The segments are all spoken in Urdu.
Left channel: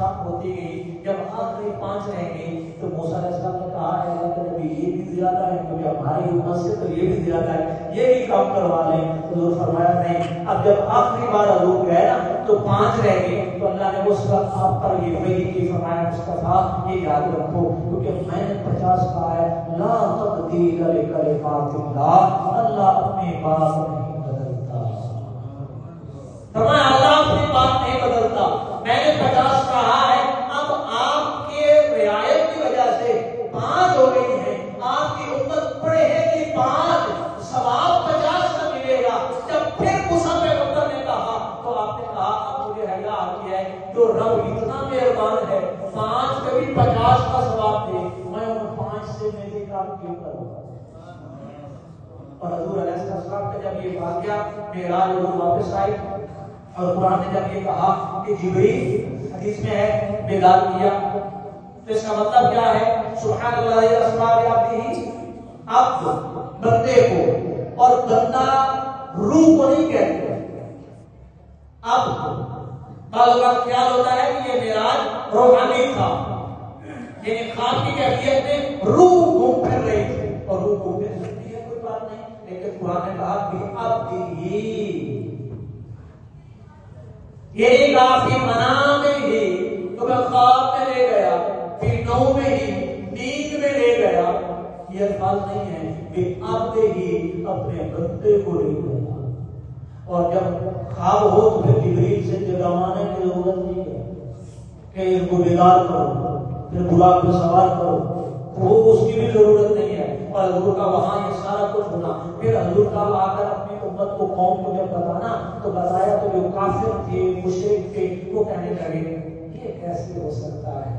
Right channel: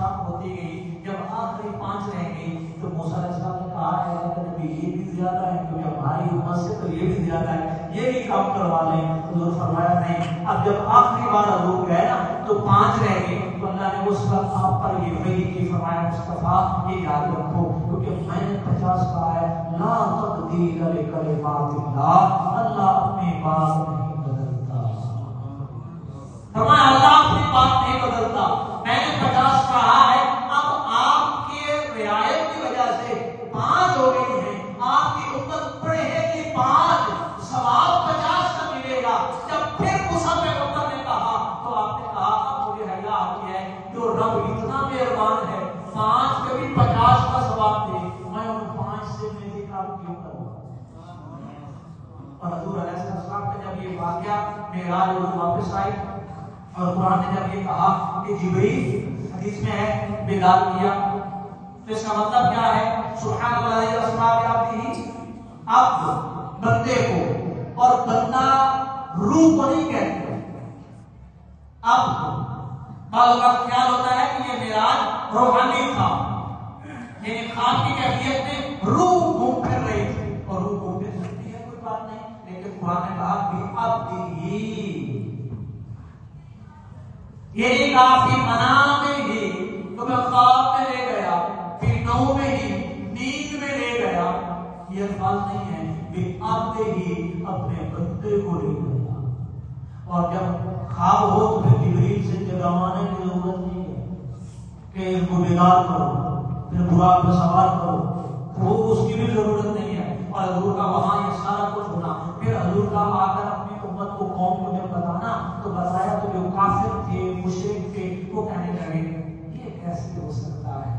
کم ہوتی گئی. جب آخری 5 رہ گئی تو موسیٰ علیہ السلام نے کہا ہے اللہ کے نبی یہ بھی زیادہ ہے کیونکہ ہماری امت سے تو یہ بھی زیادہ ہے, یہ بھی کم کروا لیں. حضور فرمایا نہیں. اب جب آخری بار حضور گئے نا تو 5 رہ گئے تو اللہ نے اس وقت آپ پر یہ وحی کی, فرمایا مصطفیٰ یہ یاد رکھو کیونکہ میں نے 50 کہا ہے. لا تبدیل لکلمات اللہ, اللہ اپنی بات نہیں بدلتا. فرمایا اللہ اپنی بات نہیں بدلتا. میں نے 50 کہا ہے, اب آپ کے رعایت کی وجہ سے 5 ہو گئی ہیں. آپ کی امت پڑھے گی 5, ثواب 50 کا ملے گا. جب پھر موسیٰ پیغمبر نے کہا تو آپ نے کہا اب مجھے حیا آ گیا ہے جو رب اتنا مہربان ہے 5 کبھی 50 کا ثواب دے, میں ان 5 سے میری کام کیوں کروں. اور حضور علیہ السلام کا جب یہ واقعہ معراج حضور واپس آئے اور قرآن نے جب یہ کہا کہ جبریل حدیث میں ہے بیدار کیا, تو اس کا مطلب کیا ہے؟ سبحان اللہ اسماء بعبدہ, عبد بندے کو, اور بندہ روح کو نہیں کہتے. اب بعض اوقات خیال ہوتا ہے کہ یہ معراج روحانی تھا, یعنی خواب کی کیفیت میں روح گھوم پھر رہی تھی, اور روح گھوم پھر سکتی ہے کوئی بات نہیں, لیکن قرآن نے کہا کہ اب یہ نہیں کہا پھر منام میں ہی تمہیں خواب میں لے گیا, پھر نو میں ہی نیند میں لے گیا. یہ الفاظ نہیں ہے کہ اب ہی اپنے بندے کو لے گیا. اور جب خواب ہو تو پھر جبریل سے جگانے کی ضرورت نہیں ہے کہ اس کو بیدار کرو پھر براق پہ سوار کرو, وہ اس کی بھی ضرورت نہیں ہے. اور حضور کا وہاں یہ سارا کچھ ہونا, پھر حضور کا آ کر اپنی امت کو قوم کو جب بتانا تو بتایا تو جو کافر تھے مشرک تھے وہ کہنے لگے یہ کیسے ہو سکتا ہے,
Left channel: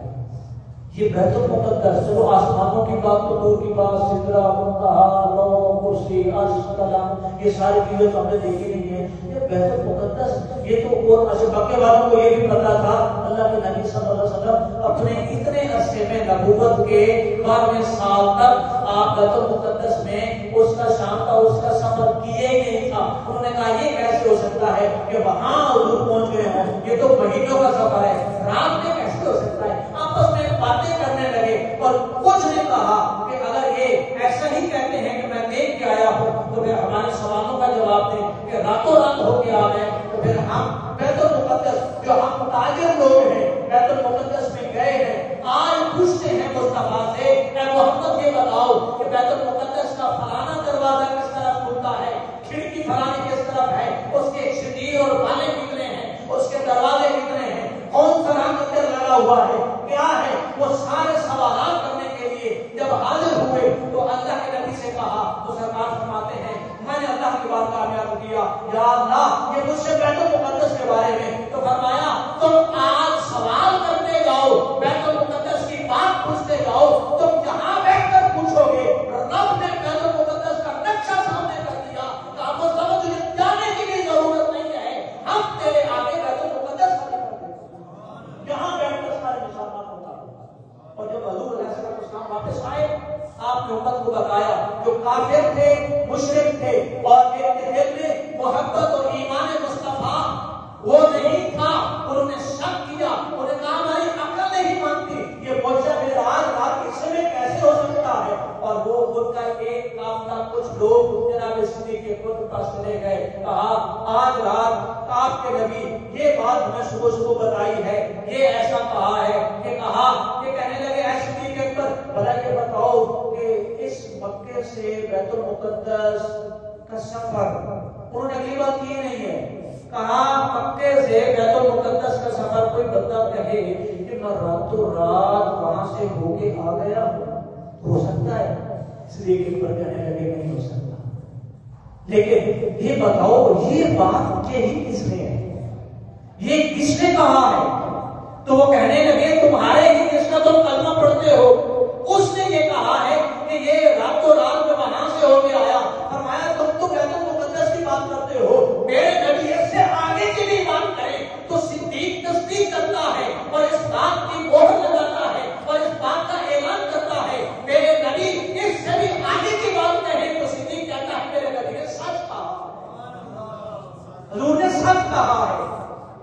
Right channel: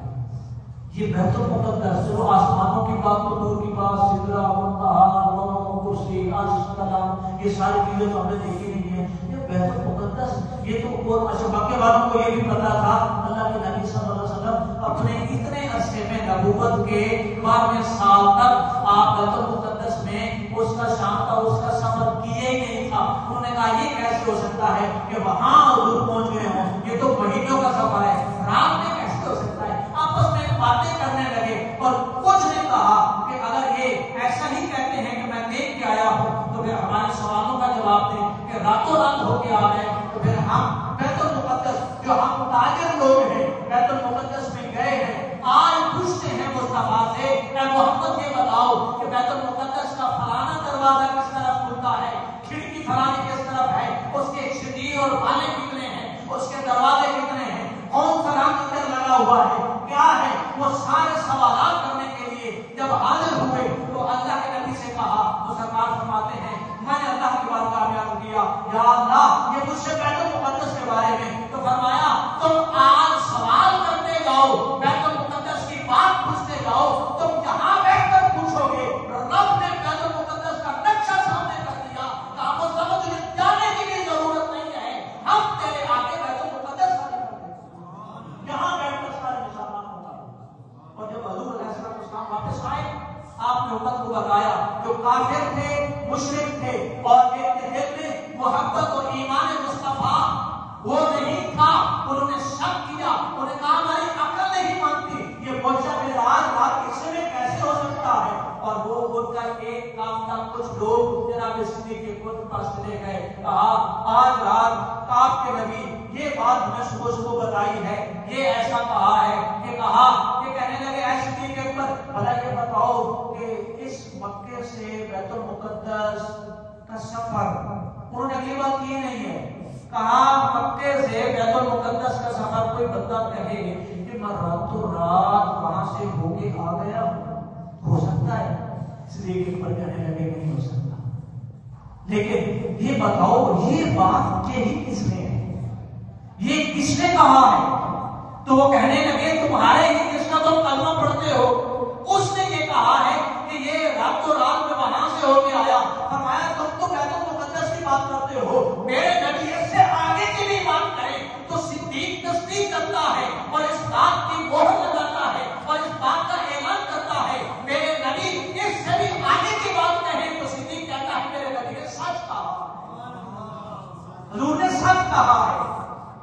یہ بیت المقدس چلو آسمانوں کی بات تو دور کی بات, سدرہ منتہا لوح کرسی عرش کلام یہ ساری چیزیں تو ہم نے دیکھی نہیں ہے. یہ بیت المقدس یہ تو اور مکے والوں کو یہ بھی پتا تھا. اللہ کے نبی صلی اللہ علیہ وسلم اپنے اتنے عرصے میں نبوت کے 12ویں سال تک آپ بیت المقدس میں اس کا شام کا اس کا سفر کیے ہی نہیں تھا. انہوں نے کہا یہ کیسے ہو سکتا ہے کہ وہاں حضور پہنچ گئے ہوں, یہ تو مہینوں کا سفر ہے, رات میں کیسے ہو سکتا ہے. آپس میں باتیں کرنے لگے اور کچھ نے کہا کہ اگر یہ ایسا ہی کہتے ہیں کہ میں دیکھ کے آیا ہوں تو پھر ہمارے سوالوں کا جواب دیں کہ راتوں رات ہو کے آ گئے, تو پھر ہم بیت المقدس جو ہم تاجر لوگ ہیں بیت المقدس میں گئے ہیں آج پوچھتے ہیں مصطفیٰ سے اے محمد یہ بتاؤ کہ بیت المقدس کا فلانا دروازہ کس طرف کھلتا ہے, کھڑکی فلانی کس طرف ہے, اس کے شدید اور بالے کتنے ہیں, اس کے دروازے کتنے ہیں, کون سا رنگ اندر لگا ہوا ہے, کیا ہے. وہ سارے سوالات کرنے کے لیے جب حاضر ہوئے تو اللہ کے نبی سے کہا تو سرکار فرماتے ہیں میں نے اللہ کی بات کا بیان کیا, یا اللہ یہ مجھ سے بیت المقدس کے بارے میں, تو فرمایا تم آج سوال کرتے جاؤ, بیت المقدس کی بات پوچھتے جاؤ, تم جہاں بیٹھ کر پوچھو گے رب نے بیت المقدس کا نقشہ سامنے کر دیا, آپ کو سمجھ جانے کی بھی ضرورت نہیں ہے, ہم تیرے آگے بیت المقدس کر دیں جہاں بیٹھ کر سارے نشانات ہوگا. اور جب حضور علیہ السلام واپس آئے آپ نے امت کو بتایا جو کافر تھے مشرک تھے اور ان کے دل میں محبت اور ایمان مصطفیٰ وہ نہیں تھا, انہوں نے شک کیا, انہوں نے کہا ہماری عقل نہیں مانتی یہ معجزہ معراج رات کے سمے کیسے ہو سکتا ہے. اور وہ خود کا ایک کافلا کچھ لوگ جناب صدیق کے خود پاس چلے گئے, کہا آج رات آپ کے نبی یہ بات ہمیں صبح صبح بتائی ہے, یہ ایسا کہا ہے, یہ کہا, یہ کہنے لگے اے صدیق اکبر بھلا یہ بتاؤ کہ اس مکے سے بیت المقدس کا سفر, انہوں نے اگلی بات کی نہیں ہے, کہا مکے سے بیت المقدس کا سفر کوئی بندہ کہے کہ میں راتوں رات وہاں سے ہو کے آ گیا ہو سکتا ہے, اس لیے کہ پر کہنے لگے نہیں ہو سکتا. لیکن یہ بتاؤ یہ بات یہی کس نے ہے, یہ کس نے کہا ہے, تو وہ کہنے لگے تمہارے ہی جس کا تم کلمہ پڑھتے ہو اس نے یہ کہا ہے کہ یہ راتوں رات میں وہاں سے ہو کے آیا. فرمایا تم تو بیت المقدس کی بات کرتے ہو, میرے نبی اس سے آگے کی بھی بات کریں تو صدیق تصدیق کرتا ہے اور اس بات کی مہر لگاتا ہے اور اس بات کا اعلان کرتا ہے, میرے نبی اس سے بھی آگے کی بات کہیں تو صدیق کہتا ہے میرے نبی نے سچ کہا, حضور نے سچ کہا ہے.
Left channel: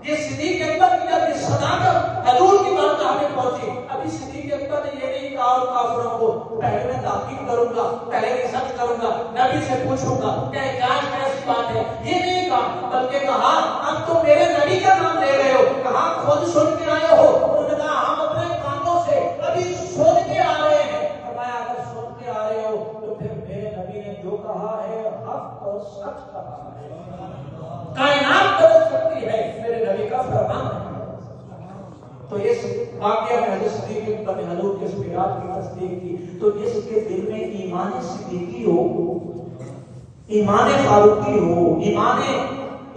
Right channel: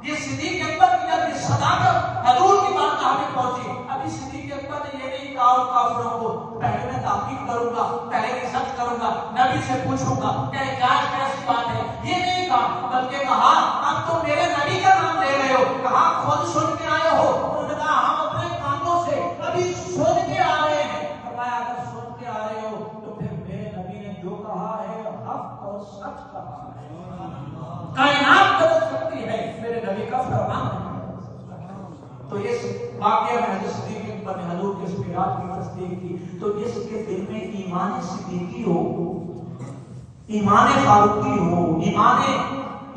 یہ صدیق اکبر کی جب ابھی صدیق اکبر نے یہ نہیں کہا کافروں کو پہلے میں تحقیق کروں گا، پہلے ریسرچ کروں گا، نبی سے پوچھوں گا کہ کیا کیسی بات ہے، یہ نہیں کہا، بلکہ کہا اب تو میرے نبی کا نام لے رہے ہو، کہا خود سن کے آئے ہو، انہوں نے کہا ہم اپنے کانوں سے ابھی سن کے آ رہے ہیں، فرمایا اگر سن کے آ رہے ہو تو پھر میرے نبی نے جو کہا ہے حق اور سچ کہا ہے، کائنات بدل سکتی ہے میرے نبی کا فرمان ہے۔ تو اس واقعہ میں حضرت صدیق اکبر نے حضور کے سکرات کی تصدیق کی، تو اس کے دل میں ایمان صدیقی ہو، ایمان فاروقی ہو، ایمان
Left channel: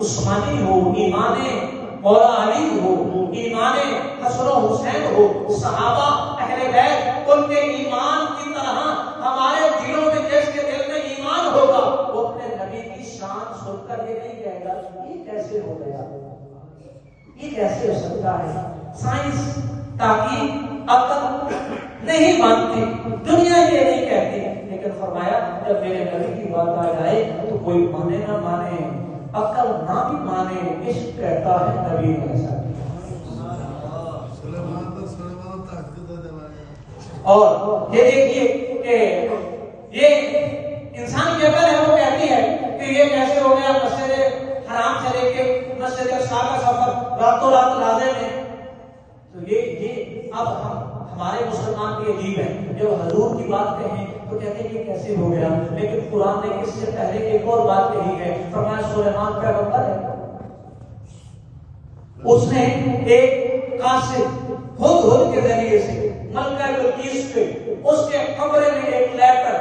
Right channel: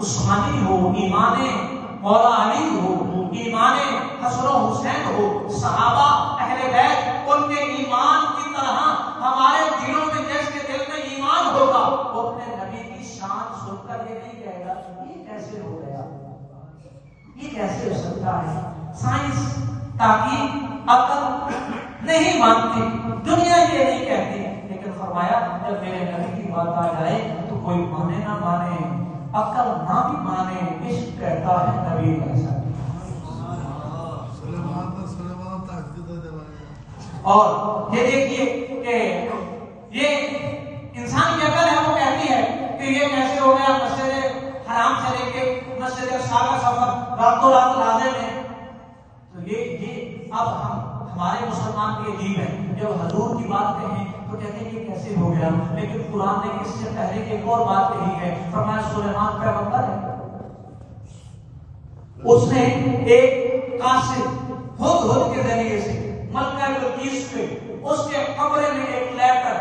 عثمانی ہو، ایمان مولا علی ہو، ایمان حسن و حسین ہو، صحابہ اہل بیت ان کے ایمان کی طرح ہمارے دلوں میں جس کے دل میں ایمان ہوگا وہ اپنے نبی کی شان سن کر یہ نہیں کہے گا یہ کیسے ہو گیا، یہ کیسے ہو سکتا ہے۔ سائنس تحقیق عقل نہیں مانتی، دنیا یہ نہیں کہتی، لیکن فرمایا جب میرے نبی کی بات آ جائے تو کوئی مانے نہ مانے، عقل نہ بھی مانے، عشق کہتا ہے نبی ایسا۔ اور یہ دیکھیے کہ یہ انسان کی عقل ہے وہ کہتی ہے کہ یہ کیسے ہو گیا، مسجد حرام سے لے کے مسجد اقصی کا سفر راتوں رات لازم ہے۔ تو یہ اب ہمارے مسلمان کے عجیب ہے، جب حضور کی بات کہیں تو کہتے ہیں یہ کیسے ہو گیا، لیکن قرآن نے اس سے پہلے ایک اور بات کہی ہے، فرمایا سلیمان پیغمبر ہے، اس نے ایک قاصد ہد کے ذریعے سے ملکہ بلقیس پہ اس کے کمرے میں ایک لیٹر